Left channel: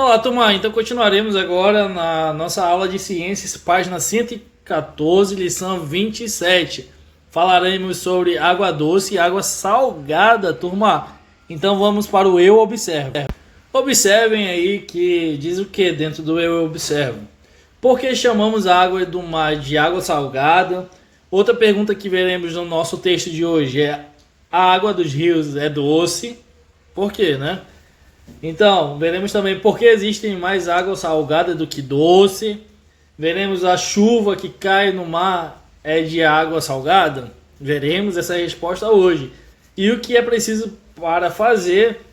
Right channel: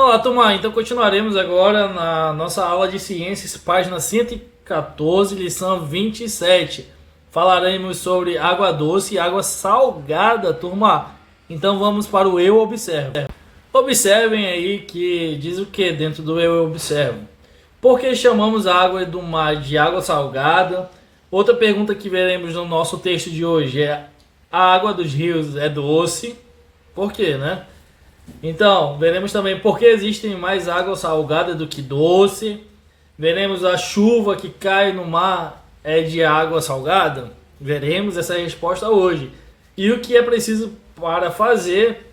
Olá, turma. Então continuaremos agora na nossa aula de ciências, página 114, lição 27. Falaremos sobre água doce e água salgada, turma. Então vamos para o eu observo. Observem aí que diz o que dentro do eu observo. Por que chamamos a água do mar de água salgada? Outra pergunta que veremos no nosso texto de hoje é: a água dos rios é doce? Por quê, né? Então, veremos também por que existem mais água salgada do que doce. Veremos a chuva que cai no mar é de água salgada. Veremos essa resposta hoje. E o que é preciso para fazer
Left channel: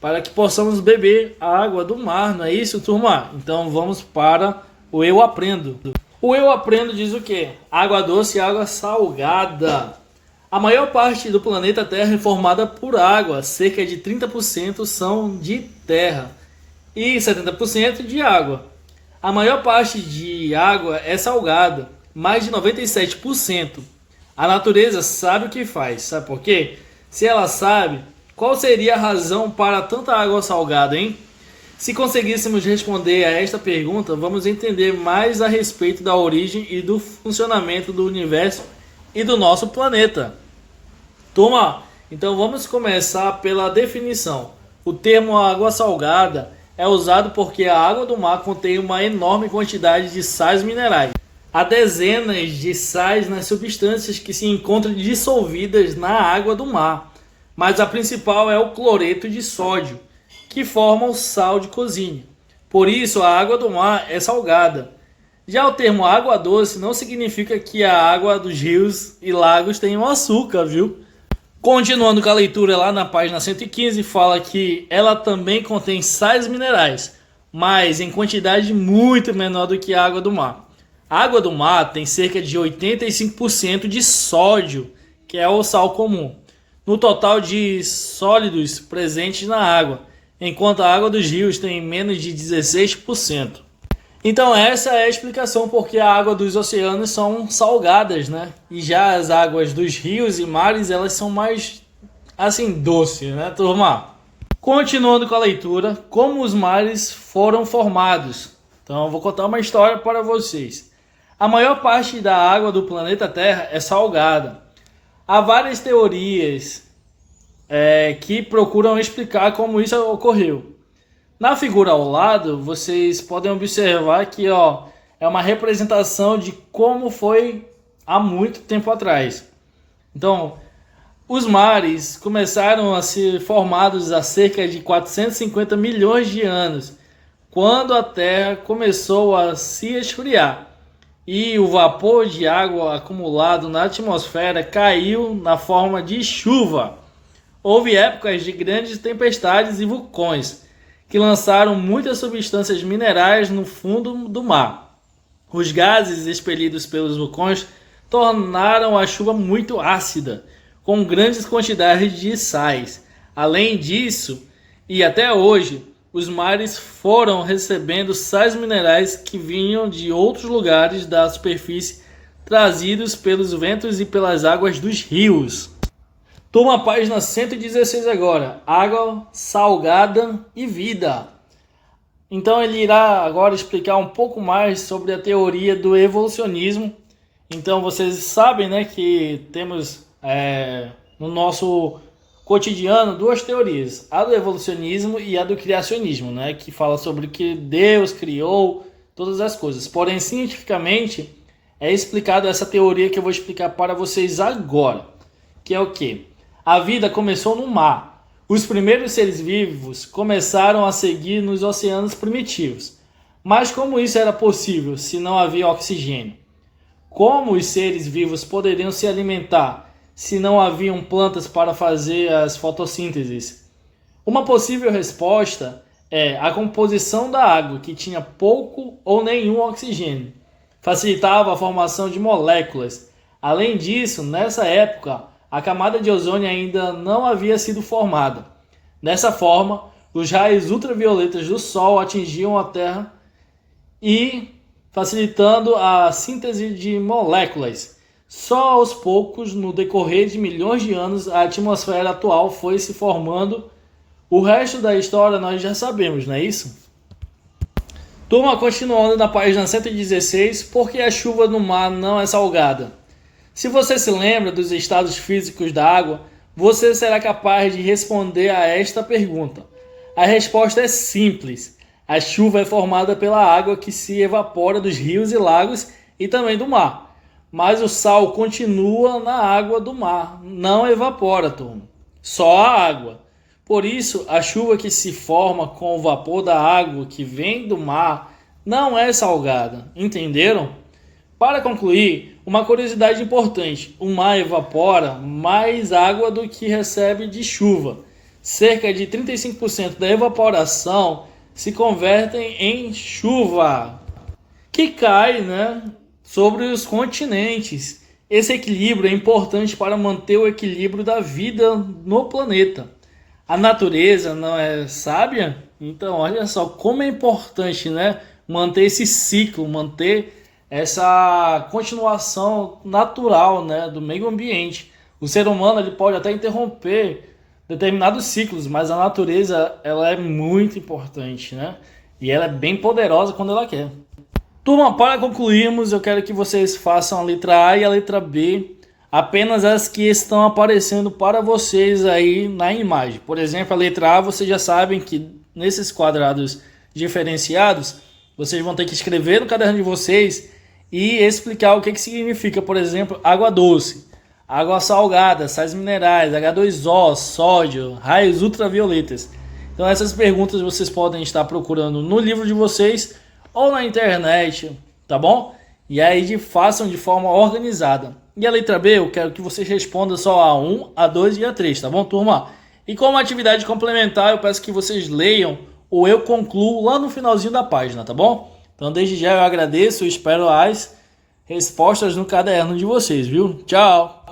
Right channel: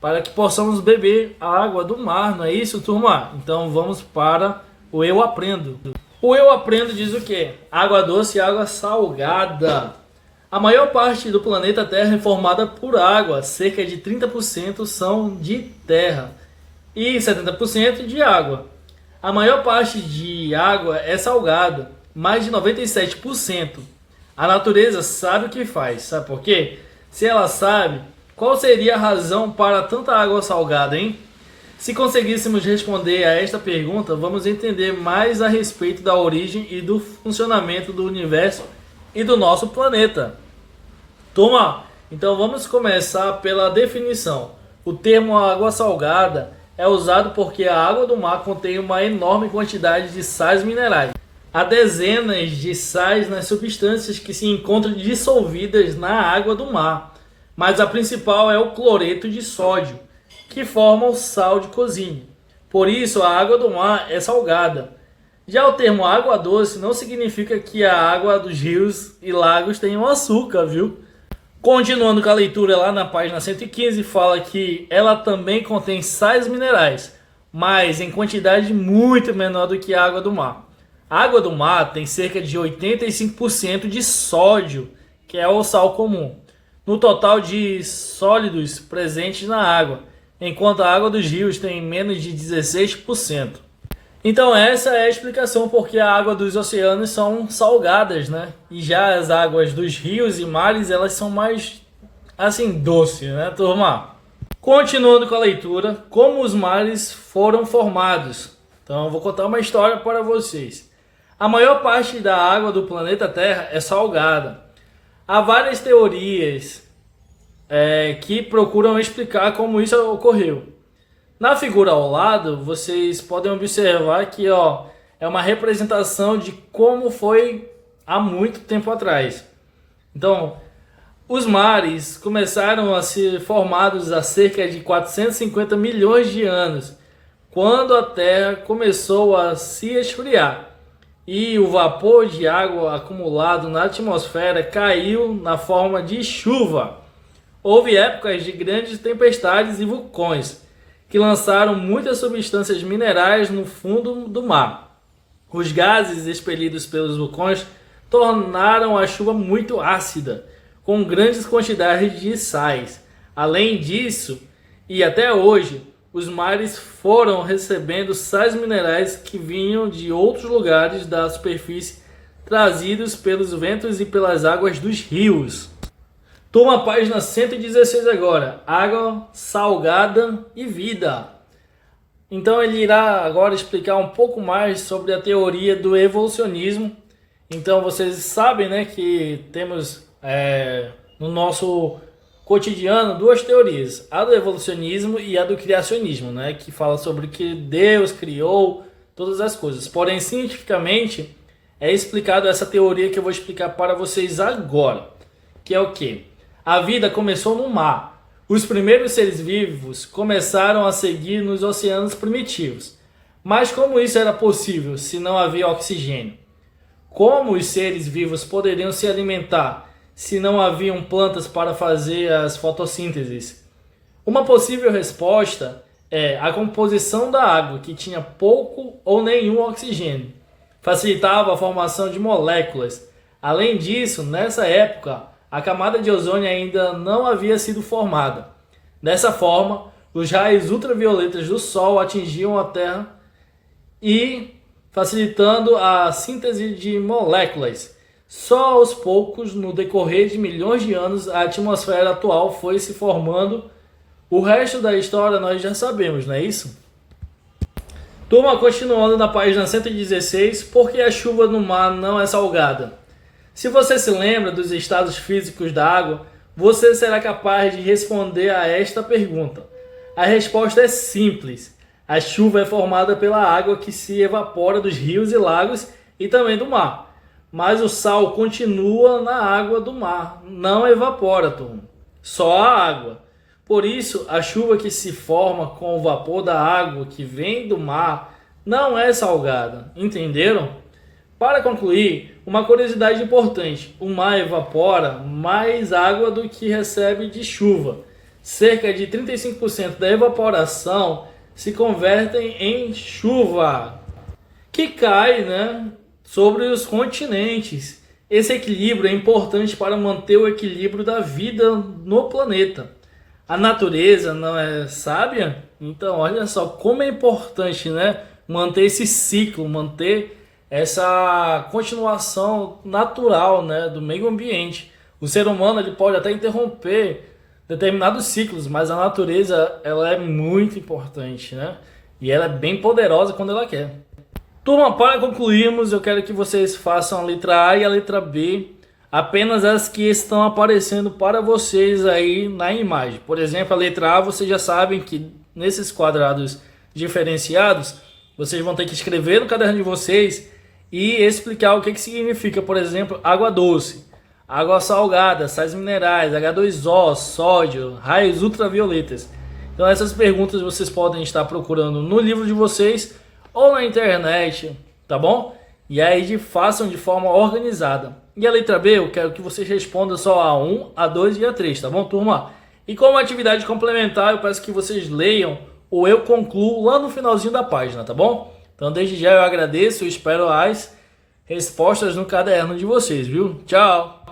para que possamos beber a água do mar, não é isso, turma? Então vamos para o eu aprendo. O eu aprendo diz o quê? Água doce e água salgada. A maior parte do planeta Terra é formada por água, cerca de 30% são de terra e 70% de água. A maior parte de água é salgada, mais de 97%. A natureza sabe o que faz, sabe por quê? Se ela sabe, qual seria a razão para tanta água salgada, hein? Se conseguíssemos responder a esta pergunta, vamos entender mais a respeito da origem e do funcionamento do universo e do nosso planeta. Turma, então vamos começar pela definição. O termo água salgada é usado porque a água do mar contém uma enorme quantidade de sais minerais. Há dezenas de sais nas substâncias que se encontram dissolvidas na água do mar, mas a principal é o cloreto de sódio, que forma o sal de cozinha. Por isso, a água do mar é salgada. Já o termo água doce não significa que a água dos rios e lagos tenham açúcar, viu? Continuando com a leitura lá na página 115, fala que ela também contém sais minerais, mas em quantidade muito menor do que a água do mar. A água do mar tem cerca de 85% de sódio, que é o sal comum, no total de sólidos presentes na água, enquanto a água dos rios tem menos de 16%. Então essa é a explicação porque a água dos oceanos são salgadas, né? E já as águas dos rios e mares, elas são mais, assim, doces, né, turma? Continuando com a leitura, como os mares foram formados. Então eu vou contar uma história para vocês. A maior parte da água do planeta Terra é salgada. Há várias teorias que procuram explicar como isso ocorreu. Na figura ao lado, vocês podem observar que é uma representação de como foi há muito tempo atrás. Então, os mares começaram a ser formados há cerca de 450 milhões de anos, quando a Terra começou a se esfriar e o vapor de água acumulado na atmosfera caiu na forma de chuva. Houve épocas de grandes tempestades e vulcões que lançaram muitas substâncias minerais no fundo do mar. Os gases expelidos pelos vulcões tornaram a chuva muito ácida, com grandes quantidades de sais. Além disso, e até hoje, os mares foram recebendo sais minerais que vinham de outros lugares da superfície, trazidos pelos ventos e pelas águas dos rios. Toma a página 116 agora, água salgada e vida. Então ele irá agora explicar um pouco mais sobre a teoria do evolucionismo. Então vocês sabem, né, que temos no nosso cotidiano duas teorias, a do evolucionismo e a do criacionismo, né, que fala sobre que Deus criou todas as coisas. Porém, cientificamente é explicado essa teoria que eu vou explicar para vocês agora, que é o quê? A vida começou no mar. Os primeiros seres vivos começaram a seguir nos oceanos primitivos. Mas como isso era possível se não havia oxigênio? Como os seres vivos poderiam se alimentar se não haviam plantas para fazer as fotossínteses? Uma possível resposta é a composição da água, que tinha pouco ou nenhum oxigênio. Facilitava a formação de moléculas. Além disso, nessa época, a camada de ozônio ainda não havia sido formada. Dessa forma, os raios ultravioletas do Sol atingiam a Terra e facilitando a síntese de moléculas. Só aos poucos, no decorrer de milhões de anos, a atmosfera atual foi se formando. O resto da história nós já sabemos, não é isso? Turma, continuando na página 116, por que a chuva no mar não é salgada? Se você se lembra dos estados físicos da água, você será capaz de responder a esta pergunta. A resposta é simples. A chuva é formada pela água que se evapora dos rios e lagos e também do mar. Mas o sal continua na água do mar, não evapora, turma. Só a água. Por isso, a chuva que se forma com o vapor da água que vem do mar não é salgada. Entenderam? Para concluir, uma curiosidade importante: o mar evapora mais água do que recebe de chuva. Cerca de 35% da evaporação se convertem em chuva, que cai, sobre os continentes. Esse equilíbrio é importante para manter o equilíbrio da vida no planeta. A natureza não é sábia? Então, olha só como é importante, manter esse ciclo, manter essa continuação natural, do meio ambiente. O ser humano ele pode até interromper determinados ciclos, mas a natureza ela é muito importante, E ela é bem poderosa quando ela quer. Turma, para concluirmos, eu quero que vocês façam a letra A e a letra B, apenas as que estão aparecendo para vocês aí na imagem. Por exemplo, a letra A, vocês já sabem que nesses quadrados diferenciados, vocês vão ter que escrever no caderno de vocês e explicar o que significa, por exemplo, água doce, água salgada, sais minerais, H2O, sódio, raios ultravioletas. Então essas perguntas vocês podem estar procurando no livro de vocês ou na internet, tá bom? E aí façam de forma organizada. E a letra B, eu quero que vocês respondam só a 1, a 2 e a 3, tá bom, turma? E como atividade complementar, eu peço que vocês leiam ou eu concluo lá no finalzinho da página, tá bom? Então desde já eu agradeço e espero as respostas no caderno de vocês, viu? Tchau!